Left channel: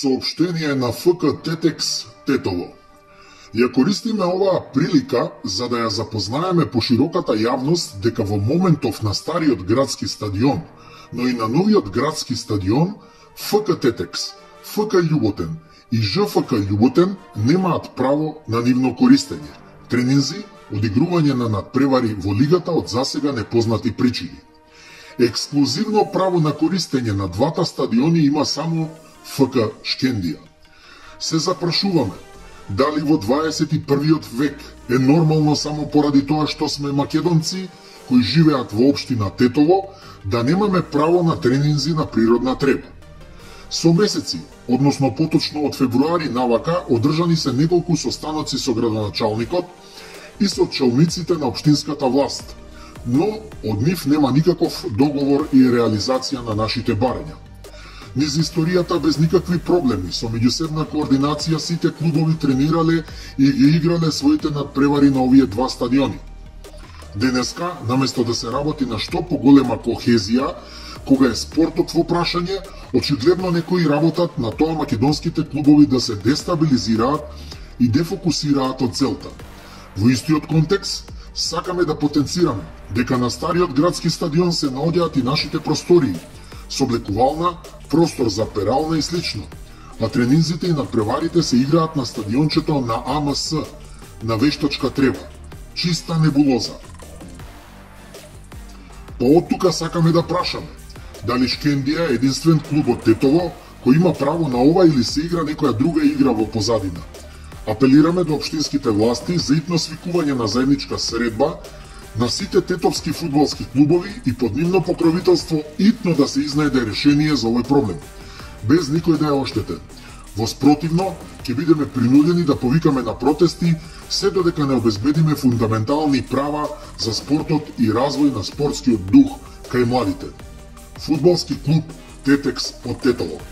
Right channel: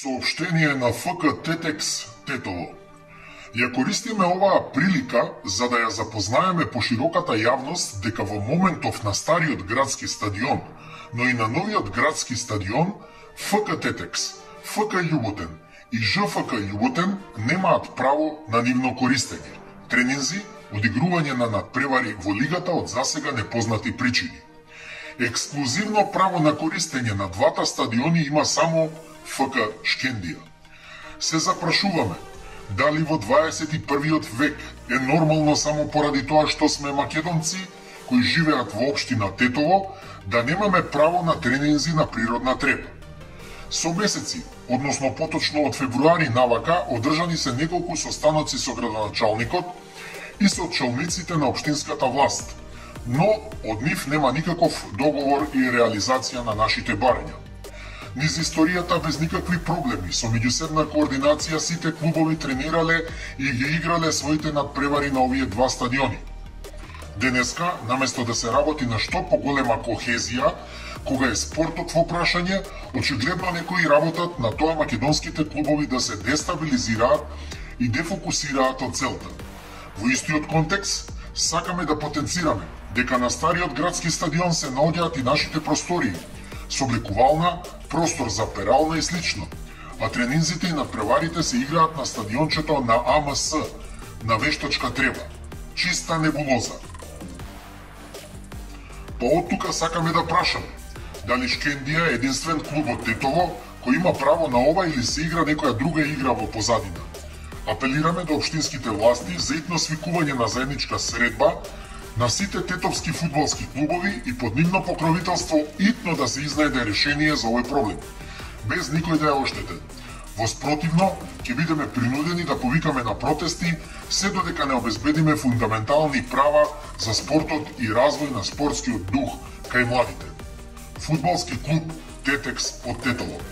Сообщение на ФК Тетекс Тетово. Ја користиме оваа прилика за да ја запознаеме пошироката јавност дека во моментов на стариот градски стадион, но и на новиот градски стадион, ФК Тетекс, ФК Љуботен и ЖФК Љуботен немаат право на нивно користење, тренинзи, одигрување на надпревари во лигата од засега непознати причини. Ексклузивно право на користење на двата стадиони има само ФК Шкендија. Се запрашуваме, дали во 21. век е нормално само поради тоа што сме македонци кои живеат во општина Тетово да немаме право на тренинзи на природна трева. Со месеци, односно поточно од февруари навака, одржани се неколку состаноци со градоначалникот и со челниците на општинската власт, но од нив нема никаков договор и реализација на нашите барања. Низ историјата без никакви проблеми, со меѓусебна координација сите клубови тренирале и ги играле своите надпревари на овие два стадиони. Денеска, наместо да се работи на што поголема кохезија, кога е спортот во прашање, очигледно некои работат на тоа македонските клубови да се дестабилизираат и дефокусираат од целта. Во истиот контекст, сакаме да потенцираме дека на стариот градски стадион се наоѓаат и нашите простории, со облекувална, простор за перална и слично, а тренинзите и надпреварите се играат на стадиончето на АМС, на вештачка трева, чиста небулоза. Од тука сакаме да прашаме, дали Шкендија е единствен клуб од Тетово кој има право на ова или се игра некоја друга игра во позадина. Апелираме до општинските власти за итно свикување на заедничка средба на сите тетовски фудбалски клубови и под нивно покровителство итно да се изнајде решение за овој проблем, без никој да ја оштете. Во спротивно, ќе бидеме принудени да повикаме на протести се додека не обезбедиме фундаментални права за спортот и развој на спортскиот дух кај младите. Фудбалски клуб Тетекс од Тетово.